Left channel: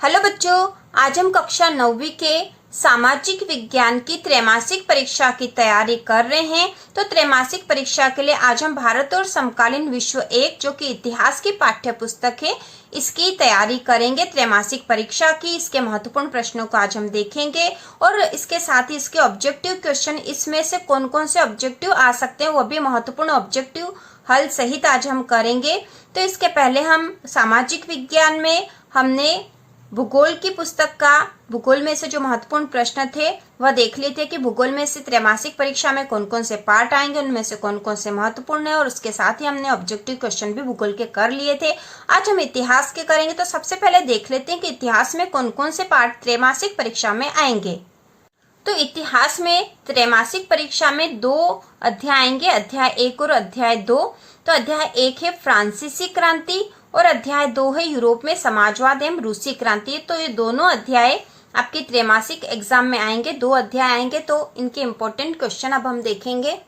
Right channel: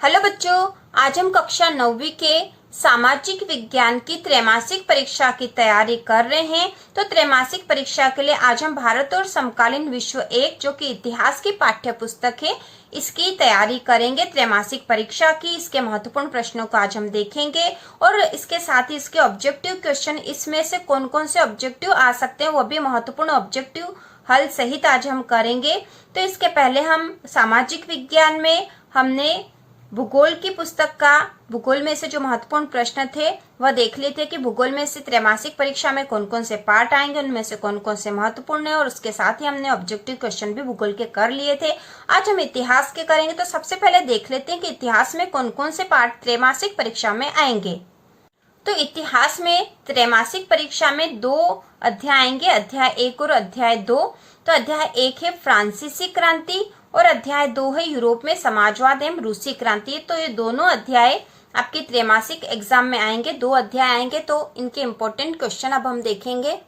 Hello बच्चों, आज हम कक्षा 9वीं के सामाजिक विज्ञान की त्रैमासिक परीक्षा की तैयारी कर रहे हैं। तो त्रैमासिक परीक्षा के लिए आज हम भारत और समकालीन विश्व 1 जो कि इतिहास की पाठ्य पुस्तक है, इसकी तैयारी करेंगे। त्रैमासिक परीक्षा की इसके महत्वपूर्ण प्रश्नों को आज हम देखेंगे और इसके साथ ही इसके ऑब्जेक्टिव क्वेश्चन, इसमें से कौन कौन से ऑब्जेक्टिव आ सकते हैं वो भी महत्वपूर्ण ऑब्जेक्टिव हल सहित आज हम करेंगे। तो इसके पहले हम सामाजिक विज्ञान में हमने भूगोल की पुस्तक का भूगोल में से जो महत्वपूर्ण प्रश्न थे वह देख लिए थे कि भूगोल में से त्रैमासिक परीक्षा में कौन कौन से पार्ट आएंगे, उनमें से कौन कौन से महत्वपूर्ण है, और उसके साथ ही हमने ऑब्जेक्टिव क्वेश्चन भी भूगोल के कर लिए थे। आज हम इतिहास के करेंगे। तो सबसे पहले देख लेते हैं कि इतिहास में कौन कौन से पार्ट त्रैमासिक परीक्षा में आएंगे। तो इतिहास में त्रैमासिक परीक्षा में 2 अध्याय आएंगे, अध्याय 1 और अध्याय 2। तो अध्याय 1 है फ्रांसीसी क्रांति और अध्याय 2 है यूरोप में समाजवाद एवं रूसी क्रांति। तो ये दोनों अध्याय आपके त्रैमासिक एग्जाम में आएंगे, 2 अध्याय आएंगे। तो इनके इम्पोर्टेंट क्वेश्चन अब हम देखेंगे।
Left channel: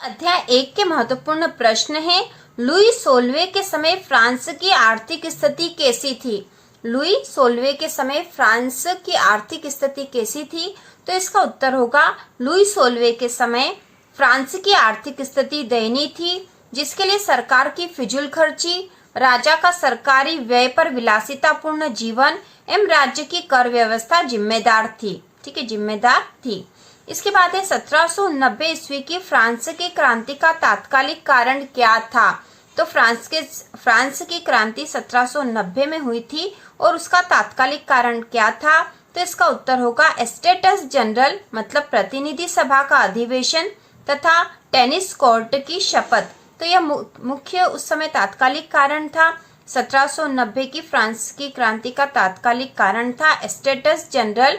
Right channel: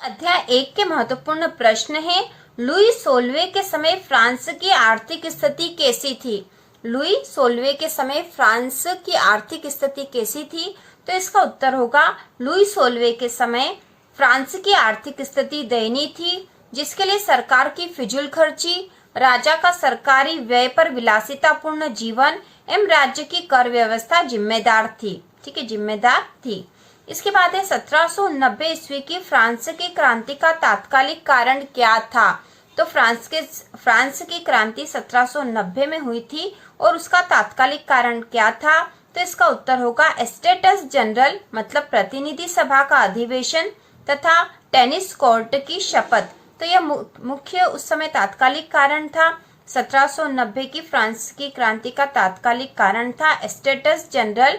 अध्याय 1 के महत्वपूर्ण प्रश्न है, लुई 16वें के समय फ्रांस की आर्थिक स्थिति कैसी थी। लुई 16वें के समय फ्रांस की आर्थिक स्थिति कैसी थी। तो इसका उत्तर होगा लुई 16वें के समय फ्रांस की आर्थिक स्थिति दयनीय थी, जिसके लिए सरकार की फिजूल खर्ची, राजा का सरकारी व्यय पर विलासितापूर्ण जीवन एवं राज्य की कर व्यवस्था जिम्मेदार थी। ठीक है, जिम्मेदार थी। इसके बाद है 1790 ईस्वी की फ्रांस की क्रांति का तात्कालिक कारण क्या था। तो फ्रांस की क्रांति 1790 में हुई थी और उसका तात्कालिक कारण क्या था। तो इसका उत्तर होगा स्टेटस जनरल मतलब प्रतिनिधि सभा का अधिवेशन तथा टेनिस कोर्ट की शपथ। तो यह मुख्य उस समय तात्कालिक कारण था। 1790 की फ्रांस की क्रांति का तात्कालिक कारण था स्टेटस जनरल,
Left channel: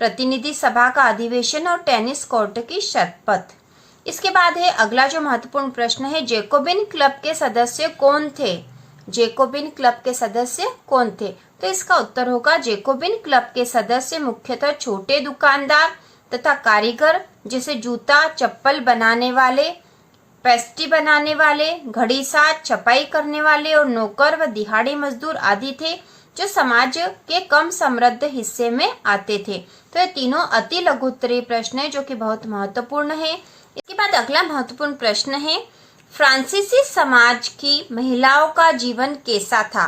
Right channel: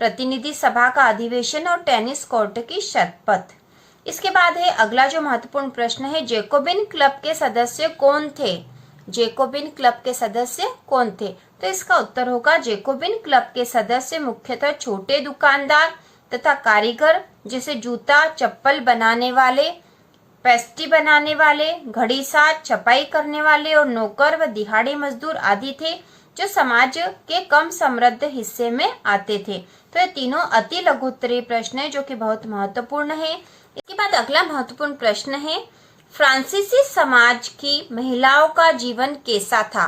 प्रतिनिधि सभा का अधिवेशन और टेनिस कोर्ट की शपथ। इसके बाद है अगला जो महत्वपूर्ण प्रश्न है, जैकोबिन क्लब के सदस्य कौन थे। जैकोबिन क्लब के सदस्य कौन थे। तो इसका उत्तर होगा जैकोबिन क्लब के सदस्य मुख्यतः छोटे दुकानदार तथा कारीगर, जैसे जूता चप्पल बनाने वाले, पेस्ट्री बनाने वाले, घड़ी साज, छपाई करने वाले और नौकर व दिहाड़ी मजदूर आदि थे, जो समाज के कम समृद्ध हिस्से में आते थे। तो ये तीनों अति लघु उत्तरीय प्रश्न है जो कि बहुत महत्वपूर्ण है। इसके बाद अगला महत्वपूर्ण प्रश्न है, फ्रांसीसी समाज की महिलाओं का जीवन कैसा था।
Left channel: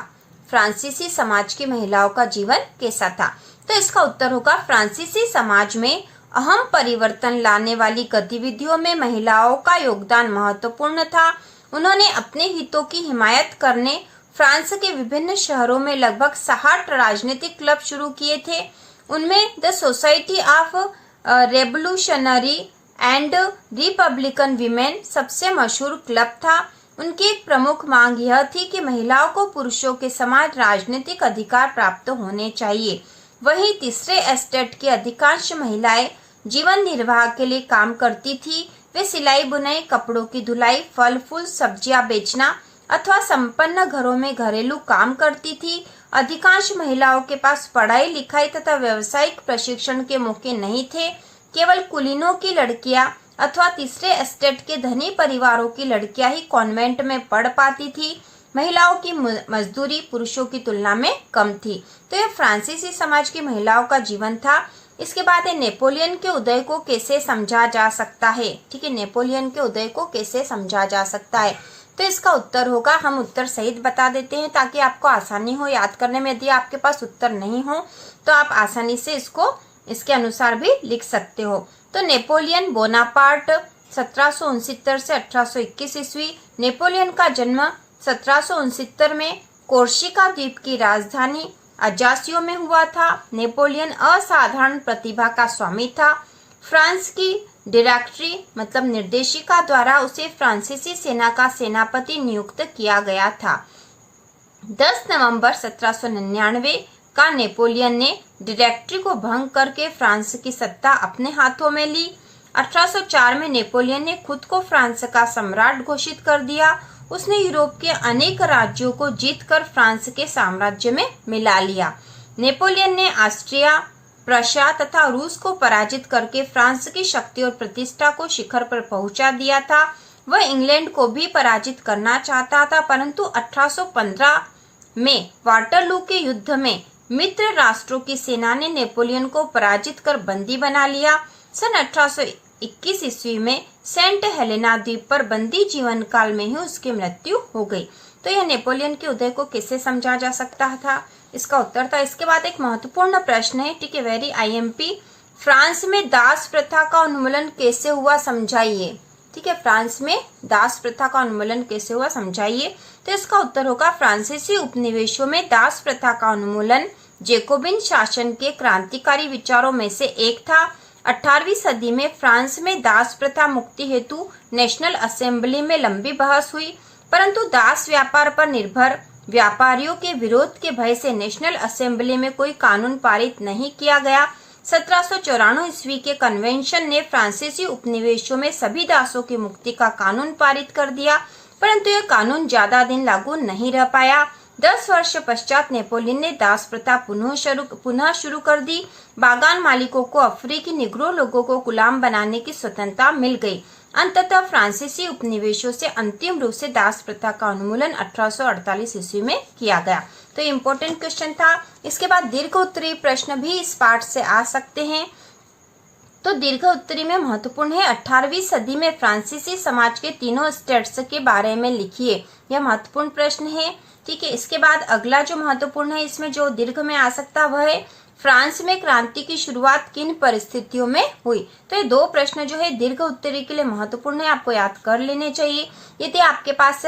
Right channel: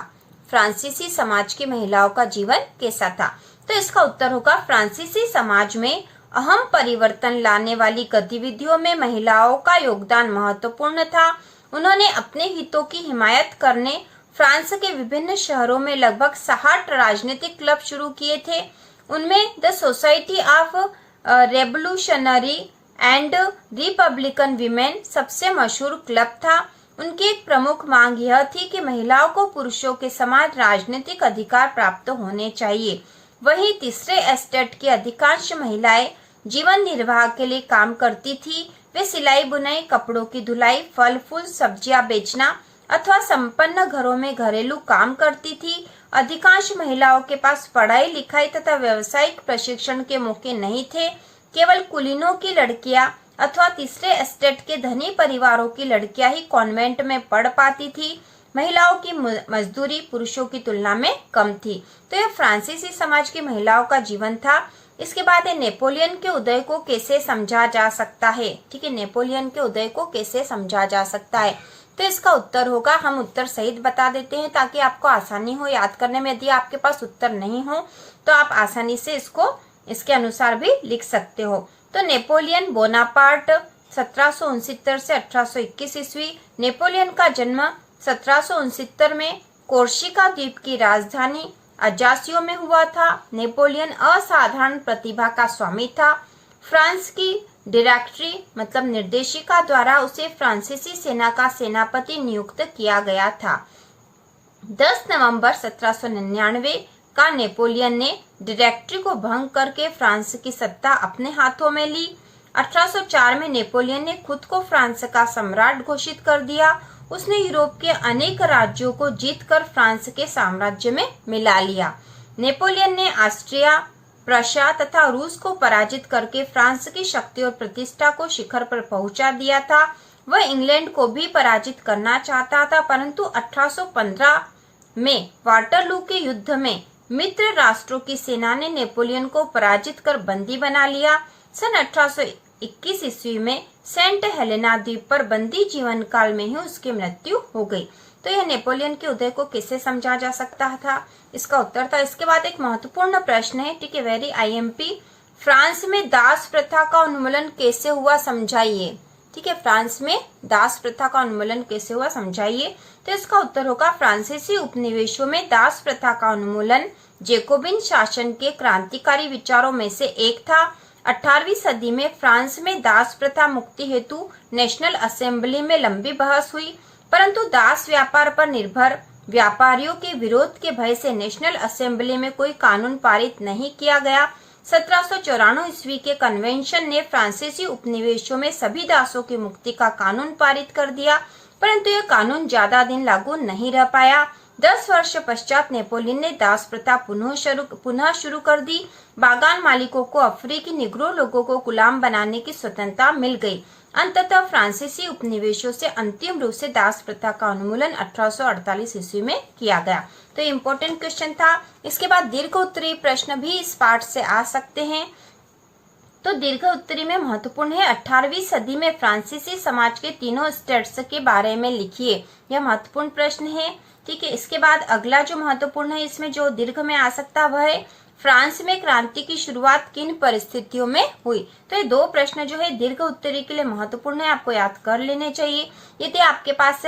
फ्रांसीसी समाज की महिलाओं का जीवन कैसा था। तो इसका उत्तर होगा फ्रांसीसी समाज में अहम परिवर्तन लाने वाली गतिविधियों में महिलाओं का योगदान महत्वपूर्ण था। उन्होंने अपने हितों की हिमायत करने फ्रांस के विभिन्न शहरों में लगभग 60 राजनीतिक क्लब शुरू किए थे। उनमें the society of revolutionary and Republican women सबसे मशहूर क्लब था। उनकी एक प्रमुख मांग यह थी कि महिलाओं को पुरुषों के समान राजनीतिक अधिकार प्राप्त होने चाहिए। वहीं तीसरे एस्टेट की अधिकांश महिलाएं जीवन निर्वाह के लिए काम करती थी। वे सिलाई बुनाई, कपड़ों की धुलाई, फल फूल सब्जियां बेचना अथवा संपन्न घरों में घरेलू काम करती थी। अधिकांश महिलाओं के पास पढ़ाई लिखाई तथा व्यावसायिक प्रशिक्षण के मौके नहीं थे। केवल कुलीनों की लड़कियां अथवा तीसरे एस्टेट के धनी परिवारों की लड़कियां ही कॉन्वेंट में पढ़ पाती थी। महिलाओं की मजदूरी पुरुषों की तुलना में कम थी। तो यह फ्रांसीसी समाज की महिलाओं का जीवन था। इसके बाद है नेपोलियन के उदय को कैसे समझा जा सकता है। ठीक है, नेपोलियन के उदय को कैसे समझा जा सकता है। तो इसका उत्तर होगा, हम उत्तर सहित बता देते हैं ताकि आपको आसानी हो याद करने में। यदि आपके पास उत्तर नहीं हो तो आप आसानी से इसको इसके अनुसार भी लिख सकते हो। तो नेपोलियन बोनापार्ट 1769 से 1821 ईस्वी। नेपोलियन का जन्म 1769 में कोर्सिका द्वीप की राजधानी अजासियो में हुआ था। नेपोलियन असाधारण प्रतिभा का स्वामी था। फ्रांस की डायरेक्टरी मतलब निर्देशिका द्वारा उसे फ्रांसीसी सेना का सेनापति नियुक्त किया गया था। 10 नवंबर 1799 का नेपोलियन ने डायरेक्टरी को भंग करके फ्रांस की सत्ता अपने हाथों में ली। 1804 में नेपोलियन ने खुद को फ्रांस का सम्राट घोषित कर दिया। उसने यूरोप के अनेक राज्यों को जीतकर फ्रांस के साम्राज्य में मिला लिया। नेपोलियन ने ऑस्ट्रिया, प्रशिया तथा रूस को पराजित करके फ्रांस की शक्ति और प्रतिष्ठा को शिखर पर पहुंचा दिया था। वह इंग्लैंड को भी पराजित करना चाहता था, परंतु 1815 में वाटरलू के युद्ध में मित्र राष्ट्रों की सेना ने नेपोलियन को पराजित कर बंदी बना लिया। सन 1821 ईस्वी में सेंट हेलेना द्वीप पर बंदी जीवन काल में ही उसकी मृत्यु हो गई। तो यह नेपोलियन के उदय को किससे समझा जा सकता था? इसका उत्तर था। इसके बाद एक महत्वपूर्ण प्रश्न है, ठीक है, वेरी आईएमपी। फ्रांस में दास प्रथा का उन्मूलन कैसे हुआ, समझाइए। ठीक है, फ्रांस में दास प्रथा का उन्मूलन कैसे हुआ, समझाइए। तो इसका उत्तर होगा फ्रांसीसी उपनिवेशों में दास प्रथा का उन्मूलन जैकोबिन शासन के क्रांतिकारी विचारों में से एक था। 18वीं सदी में फ्रांस में दास प्रथा मुक्ति हेतु नेशनल असेंबली में लंबी बहस हुई, परंतु दास व्यापार पर निर्भर व्यापारियों के विरोध के भय से नेशनल असेंबली में कोई कानून पारित नहीं किया गया। 1794 ईस्वी के कन्वेंशन ने फ्रांसीसी उपनिवेशों में सभी दासों की मुक्ति का कानून पारित कर दिया, परंतु यह कानून ज्यादा दिन लागू नहीं रह पाया। 10 वर्ष पश्चात नेपोलियन ने दास प्रथा पुनः शुरू कर दी। बागान मालिकों को अफ्रीकी निग्रो लोगों को गुलाम बनाने की स्वतंत्रता मिल गई। अंततः फ्रांसीसी उपनिवेशों से अंतिम रूप से दास प्रथा का उन्मूलन 1848 ईस्वी में किया गया। तो इम्पोर्टेंट क्वेश्चन था। इसके बाद दीर्घ उत्तरीय प्रश्न भी इस पाठ से आ सकते हैं। तो दीर्घ उत्तरी में महत्वपूर्ण है, 18वीं सदी में फ्रांसीसी समाज के तीनों स्टेट्स के बारे में लिखिए। यह महत्वपूर्ण प्रश्न है। ठीक है, इसके बाद अगला जो महत्वपूर्ण है, इसमें जो दीर्घ में आ सकता है वह है फ्रांस में क्रांति की शुरुआत किन परिस्थितियों में हुई। तो ये दो प्रश्न जो है दीर्घ उत्तरी के लिए महत्वपूर्ण है, आपको याद कर लेने चाहिए। यदि आपके पास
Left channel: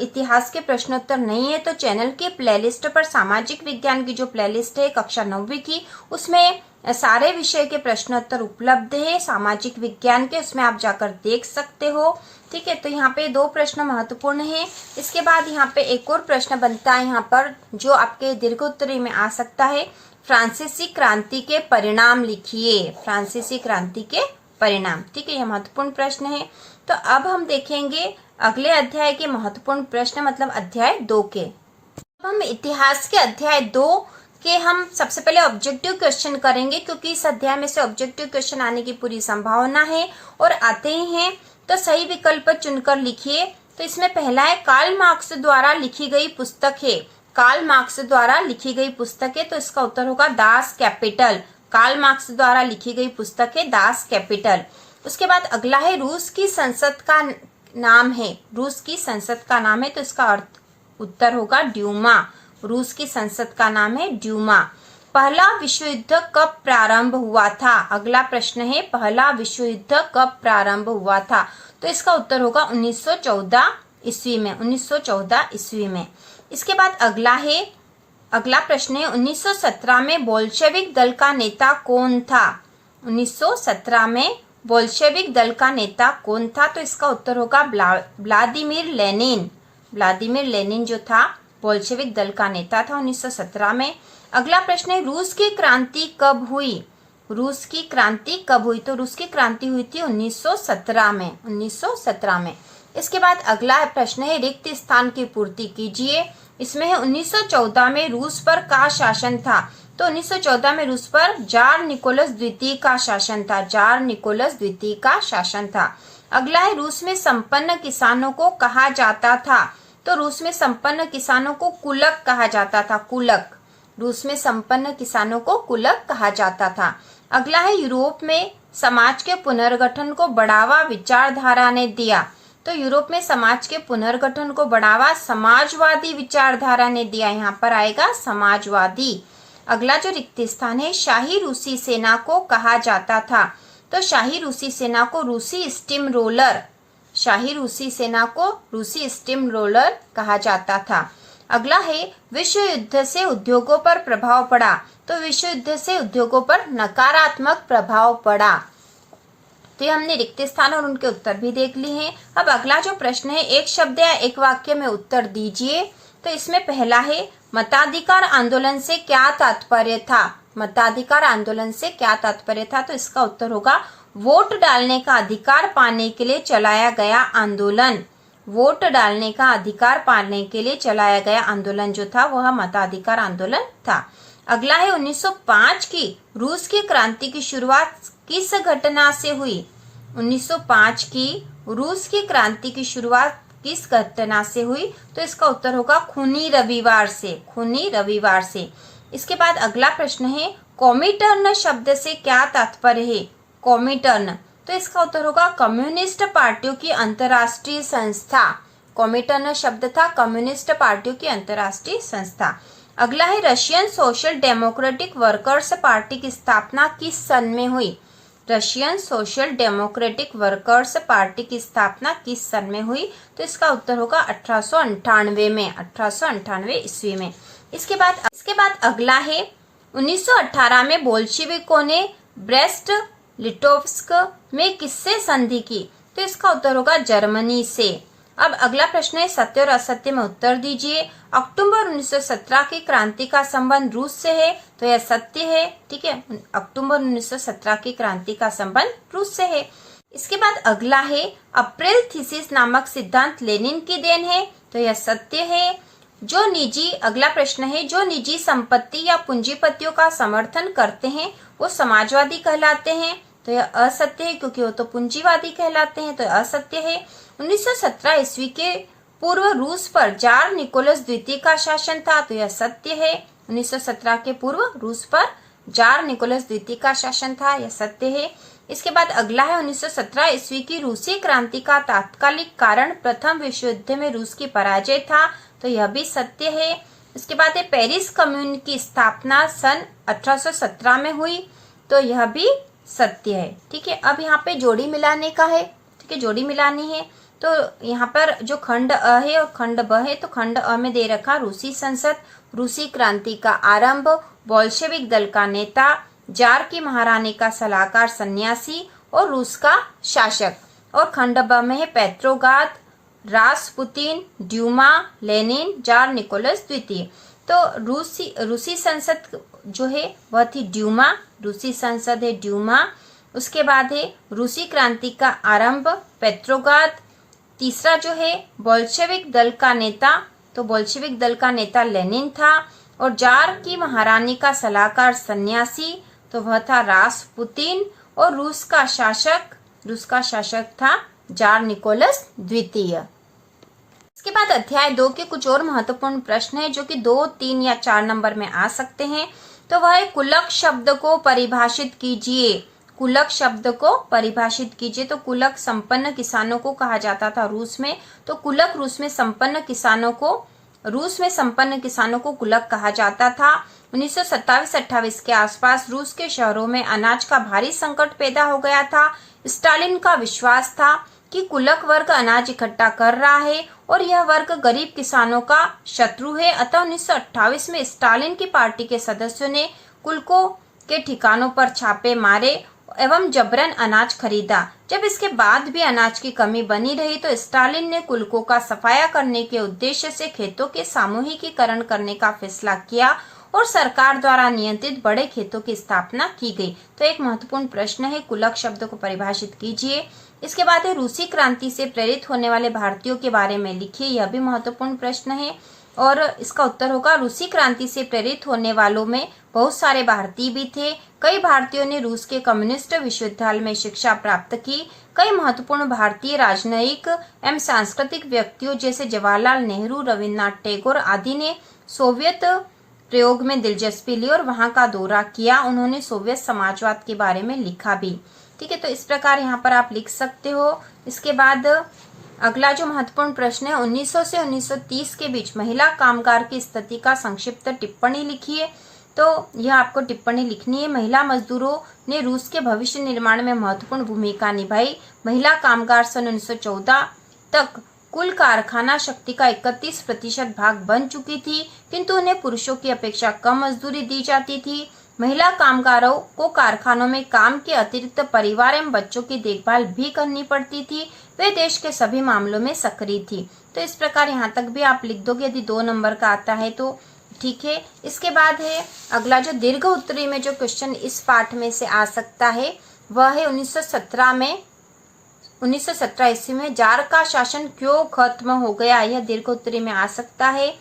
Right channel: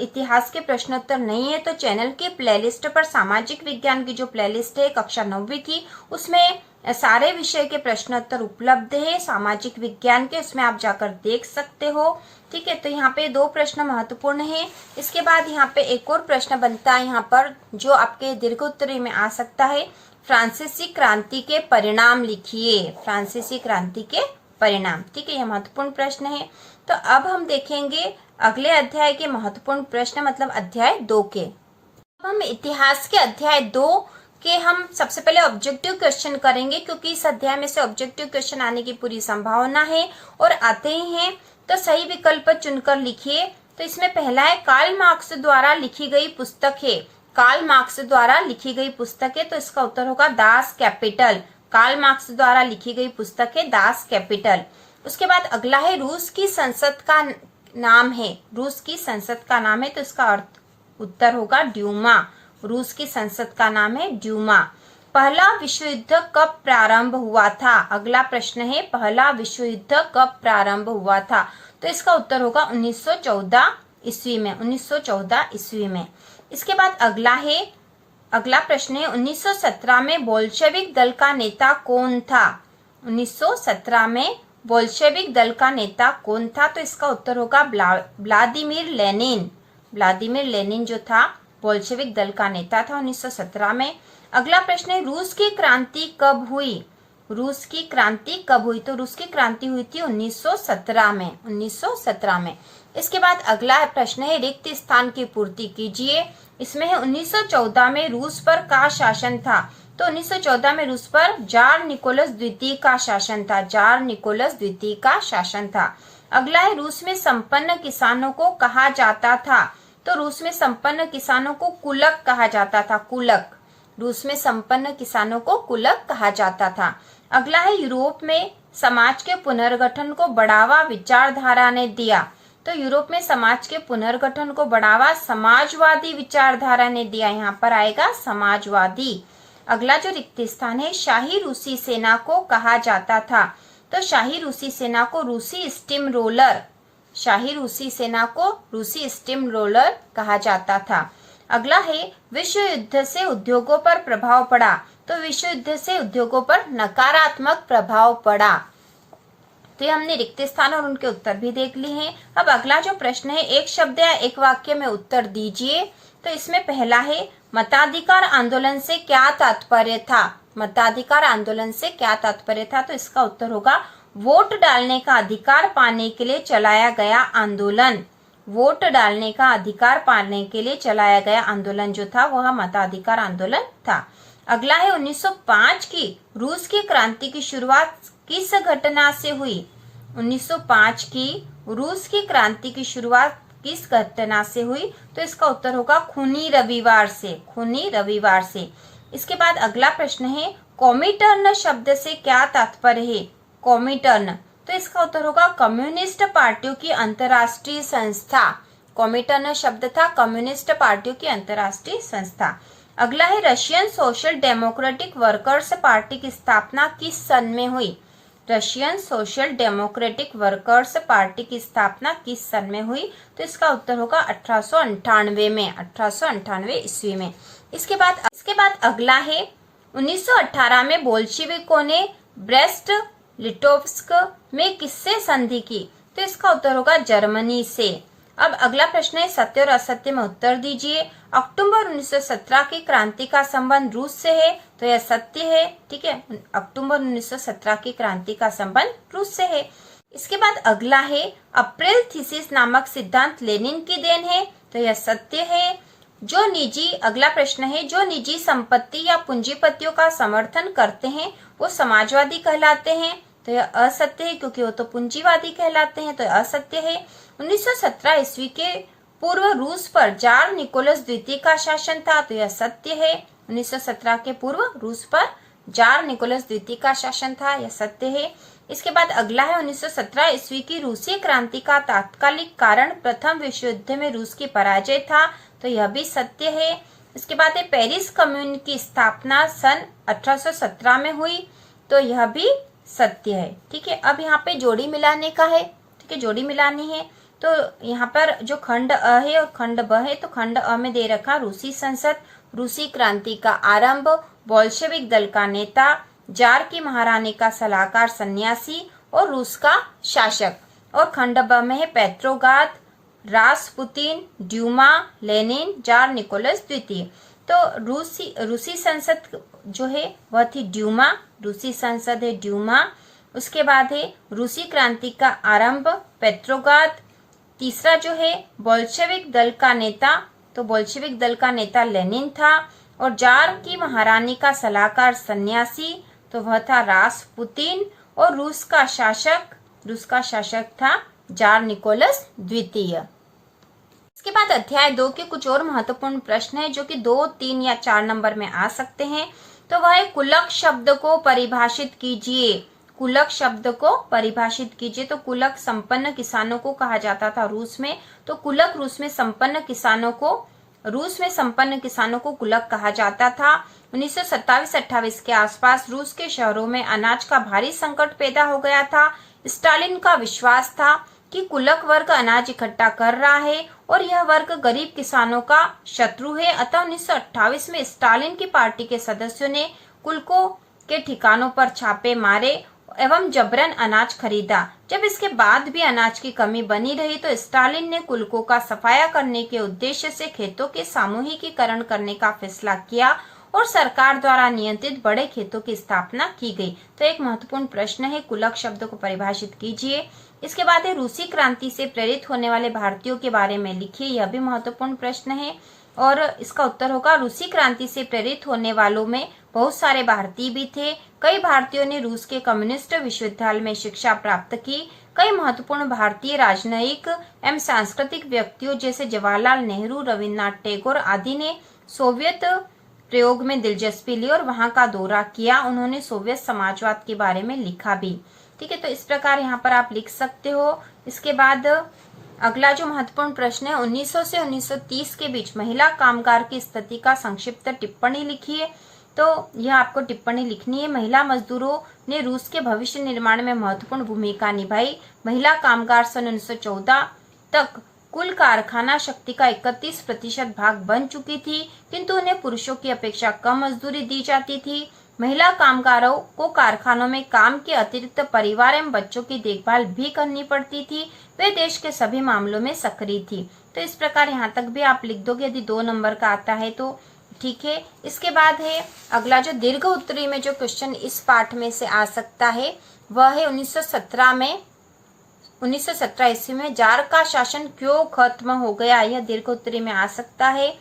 इतिहास के प्रश्नोत्तर नहीं है तो चैनल के प्लेलिस्ट पर सामाजिक विज्ञान की जो प्लेलिस्ट है कक्षा 9वीं की, उसमें सारे विषय के प्रश्नोत्तर उपलब्ध है सामाजिक विज्ञान के, उसमें आप जाकर देख सकते हो। ठीक है, तो यहाँ पे दो प्रश्न महत्वपूर्ण है। इसके बाद यहाँ पे एक और प्रश्न बनता है यहाँ पर जो आपके दीर्घ उत्तरी में आ सकता है, फ्रांसीसी क्रांति के परिणाम लिखिए। फ्रांसीसी क्रांति के परिणाम, ठीक है, यह महत्वपूर्ण प्रश्न है। तो अब हम देखेंगे अगले अध्याय के महत्वपूर्ण प्रश्न, मतलब अध्याय 2 के। अब हम इतिहास के अध्याय 2 के हम सबसे पहले ऑब्जेक्टिव क्वेश्चन करेंगे, क्योंकि इस अध्याय में से ऑब्जेक्टिव क्वेश्चन आने की पूरी संभावना है और आते ही हैं। तो सही विकल्प चुनकर लिखिए। तो इसमें पहला है कार्ल मार्क्स द्वारा लिखी गई पुस्तक है। कार्ल मार्क्स द्वारा लिखी गई पुस्तक है, तो इसका उत्तर होगा दास कैपिटल। कार्ल मार्क्स द्वारा लिखी गई पुस्तक है दास कैपिटल। उसके बाद अगला है रूस की संसद का नाम है। रूस की संसद का नाम है, तो इसका उत्तर होगा ड्यूमा। रूस की संसद का नाम है ड्यूमा। पहला विश्व युद्ध कब प्रारंभ हुआ था? अगला प्रश्न है पहला विश्व युद्ध कब प्रारंभ हुआ था? तो इसका उत्तर होगा 1914 ईस्वी में। 1914 ईस्वी में। इसके बाद अगला प्रश्न है 1917 में बोल्शेविक दल का नेता कौन था? 1917 में बोल्शेविक दल का नेता कौन था? तो इसका उत्तर होगा व्लादिमीर लेनिन। व्लादिमीर लेनिन जो था बोल्शेविक दल का नेता था 1917 में। अगला प्रश्न है रूस की क्रांति कब हुई? रूस की क्रांति कब हुई? तो रूस की क्रांति हुई थी 1917 में। 1917 में। इसके बाद अगला प्रश्न है रिक्त स्थान की पूर्ति कीजिए। इसमें है 1914 में रूस पर का शासन था? तो 1914 में रूस पर जार निकोलस द्वितीय का शासन था। जार निकोलस द्वितीय का शासन था। अगला है रूस में संपन्न किसानों को कहा जाता था? तो रूस में संपन्न किसानों को कुलक कहा जाता था। कुलक। रूस में संपन्न किसानों को कुलक कहा जाता था। अगला है यूरोप में समाज के पुनर्गठन को बढ़ावा विचारधारा ने दिया? तो यूरोप में समाज के पुनर्गठन को बढ़ावा समाजवादी विचारधारा ने दिया। यहाँ पर आएगा समाजवादी। अगला जो रिक्त स्थान है शाही रूसी सेना को कहा जाता था? तो शाही रूसी सेना को रूसी स्टीम रोलर। शाही रूसी सेना को रूसी स्टीम रोलर कहा जाता था। अगला है विश्व युद्ध से उद्योगों पर प्रभाव पड़ा? तो विश्व युद्ध से उद्योगों पर नकारात्मक प्रभाव पड़ा। तो ये हमने रिक्त स्थान और उनके उत्तर भी देख लिए हैं। अब अगला जो प्रश्न है एक शब्द या एक वाक्य में उत्तर दीजिए। तो इसमें पहला है मताधिकार आंदोलन से क्या तात्पर्य था? मताधिकार आंदोलन से क्या तात्पर्य था? तो इसका उत्तर होगा वोट डालने का अधिकार पाने के लिए चलाया गया आंदोलन। वोट डालने का अधिकार पाने के लिए चलाया गया आंदोलन जो था वह मताधिकार आंदोलन था। अगला है 1905 की रूस की क्रांति की शुरुआत किस घटना से हुई? 1905 की रूस की क्रांति की शुरुआत किस घटना से हुई? तो इसका उत्तर होगा खूनी रविवार से। खूनी रविवार से। इसके बाद अगला प्रश्न है कॉमिटर्न शब्द से क्या तात्पर्य है। कॉमिटर्न, तो इसका उत्तर होगा कम्युनिस्ट पार्टियों की अंतर्राष्ट्रीय संस्था। कॉमिटर्न शब्द था कम्युनिस्ट पार्टियों की अंतर्राष्ट्रीय संस्था। अगला है Russian social democratic workers party की स्थापना किस सन में हुई। Russian social democratic workers party की स्थापना किस सन में हुई, तो इसका उत्तर होगा 1898 में, 1898 ईस्वी में। इसके बाद अगला है 1918 में बोल्शेविकों ने ब्रेस्ट लिटोव्स्क में किससे संधि की, तो इसका उत्तर होगा जर्मनी से। अब अगला प्रश्न है सत्य और असत्य में उत्तर दीजिए। अक्टूबर 1917 की क्रांति का संबंध रूस से है, तो यह सत्य है। ठीक है, अक्टूबर 1917 की क्रांति का संबंध रूस से है। इसके बाद अगला है अप्रैल थीसिस नामक सिद्धांत लेनिन की देन है, तो यह सत्य है। अगला प्रश्न है जो निजी संपत्ति या पूंजीपतियों का समर्थन करते हैं वो समाजवादी कहलाते हैं, तो यह असत्य है क्योंकि वो तो पूंजीवादी कहलाते हैं, तो यह असत्य है। 1917 ईस्वी के पूर्व रूस पर जार निकोलस द्वितीय का शासन था, तो यह सत्य है। 1917 के पूर्व रूस पर जार निकोलस द्वितीय का शासन था, यह सत्य है। इसके बाद अगला है 1917 ईस्वी की रूसी क्रांति का तात्कालिक कारण प्रथम विश्व युद्ध में रूस की पराजय था, तो यह भी सत्य है। इसके बाद है पेरिस कम्यून की स्थापना सन 1817 में हुई, तो यह भी सत्य है। ठीक है, अब यहाँ पे जोड़ी मिलाने का है। ठीक है, जोड़ी मिलानी है, तो यहाँ पर जो खंड अ है और खंड ब है, तो खंड अ में दे रखा रूसी संसद, रूसी क्रांति का आरंभ, बोल्शेविक दल का नेता, जार की महारानी का सलाहकार सन्यासी और रूस का शासक। और खंड ब में है पेट्रोग्राद, रासपुतिन, ड्यूमा, लेनिन, जार निकोलस द्वितीय। तो रूसी संसद जो है वह थी ड्यूमा, रूसी संसद है ड्यूमा। उसके बाद है रूसी क्रांति का आरंभ पेट्रोग्राद। तीसरा जो है बोल्शेविक दल का नेता, तो बोल्शेविक दल का नेता लेनिन था। और जार की महारानी का सलाहकार सन्यासी, तो वह था रासपुतिन। और रूस का शासक था जार निकोलस द्वितीय। इसके बाद अध्याय 2 के कुछ और महत्वपूर्ण प्रश्न है जो कि 2, 3 या 4 नंबर में आ सकते हैं। तो वह है कुलक शब्द को परिभाषित कीजिए। कुलक शब्द को परिभाषित कीजिए। तो कुलक संपन्न किसानों को कहा जाता था रूस में, तो कुलक रूस में संपन्न किसानों को कुलक कहा जाता था। 1927-28 के आसपास रूस के शहरों में अनाज का भारी संकट पैदा हो गया था। स्टालिन का विश्वास था कि कुलक वर्ग अनाज इकट्ठा कर रहा है और यह वर्ग गरीब किसानों का शत्रु है। अतः 1928 में स्टालिन की पार्टी के सदस्यों ने कुलकों के ठिकानों पर छापे मारे एवं जबरन अनाज खरीदा। जब इसके बाद भी अनाज की कमी बनी रही तो स्टालिन ने कुलकों का सफाया करने के उद्देश्य से खेतों के सामूहिकीकरण करने का फैसला किया और सरकार द्वारा नियंत्रित बड़े खेतों की स्थापना की गई। तो एक महत्वपूर्ण प्रश्न है, कुलक शब्द को परिभाषित कीजिए। इसके बाद है रूसी क्रांति से प्रेरित होने वाले भारतीयों के बारे में लिखिए। यह भी महत्वपूर्ण प्रश्न है और इसका उत्तर होगा रूसी क्रांति से प्रेरित होने वालों में बहुत सारे भारतीय भी थे। कई भारतीयों ने रूस के कम्युनिस्ट विश्वविद्यालय में शिक्षा प्राप्त की। कई महत्वपूर्ण भारतीय राजनयिक एवं सांस्कृतिक व्यक्तियों जैसे जवाहरलाल नेहरू, रविन्द्रनाथ टैगोर आदि ने सोवियत प्रयोग में दिलचस्पी ली और वहां का दौरा किया। उन्होंने सोवियत समाजवाद के बारे में लिखा भी। ठीक है, तो इस प्रकार यहाँ पर आप लिख सकते हो। इसके बाद अगला जो महत्वपूर्ण प्रश्न है 1900 से 1930 के बीच महिला कामगार की स्थिति का संक्षिप्त टिप्पणी लिखिए। तो यह आपको टिप्पणी लिखनी है। महिला मजदूरों ने रूस के भविष्य निर्माण में महत्वपूर्ण भूमिका निभाई। महिला कामगार सन 1914 तक कुल कारखाना शक्ति का 31% भाग बन चुकी थी, किंतु उन्हें पुरुषों की अपेक्षा कम मजदूरी दी जाती थी। महिला कामगारों को कारखानों में काम के अतिरिक्त परिवार एवं बच्चों की देखभाल भी करनी पड़ती थी। वे देश के सभी मामलों में सक्रिय थी। तो इस प्रकार यहाँ तक भी आप लिख दोगे। यदि 2 नंबर का आता है तो ठीक है। इसके बाद है अगला जो दीर्घ उत्तरी में जो क्वेश्चन इस पाठ में से आ सकता है वह है 1917 ईस्वी में जार का शासन क्यों खत्म हो गया। यह दीर्घ उत्तरी में आ सकता है।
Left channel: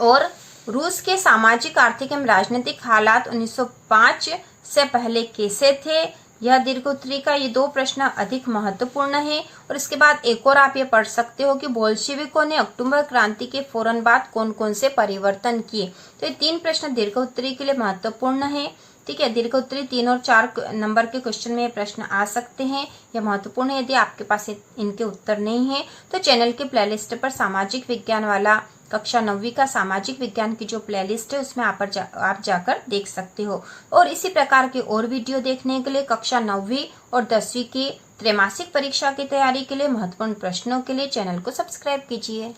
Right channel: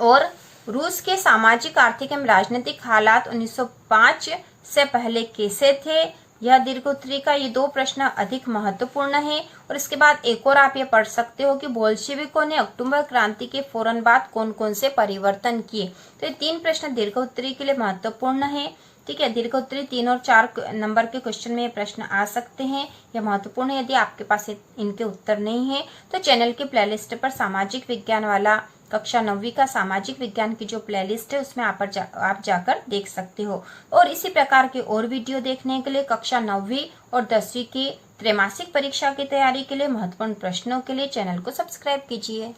और रूस के सामाजिक, आर्थिक एवं राजनीतिक हालात 1905 से पहले कैसे थे, यह दीर्घोत्तरी का ये 2 प्रश्न अधिक महत्वपूर्ण है। और इसके बाद एक और आप ये पढ़ सकते हो कि बोल्शेविकों ने अक्टूबर क्रांति के फौरन बाद कौन कौन से परिवर्तन किए। तो ये 3 प्रश्न दीर्घोत्तरी के लिए महत्वपूर्ण है। ठीक है, दीर्घोत्तरी 3 और 4 नंबर के क्वेश्चन में ये प्रश्न आ सकते हैं। यह महत्वपूर्ण है। यदि आपके पास इनके उत्तर नहीं है तो चैनल के प्लेलिस्ट पर सामाजिक विज्ञान वाला कक्षा 9वीं का सामाजिक विज्ञान की जो प्लेलिस्ट है उसमें आप जाकर देख सकते हो। और इसी प्रकार के और वीडियो देखने के लिए कक्षा 9वीं और 10वीं की त्रैमासिक परीक्षा की तैयारी के लिए महत्वपूर्ण प्रश्नों के लिए चैनल को सब्सक्राइब कीजिए।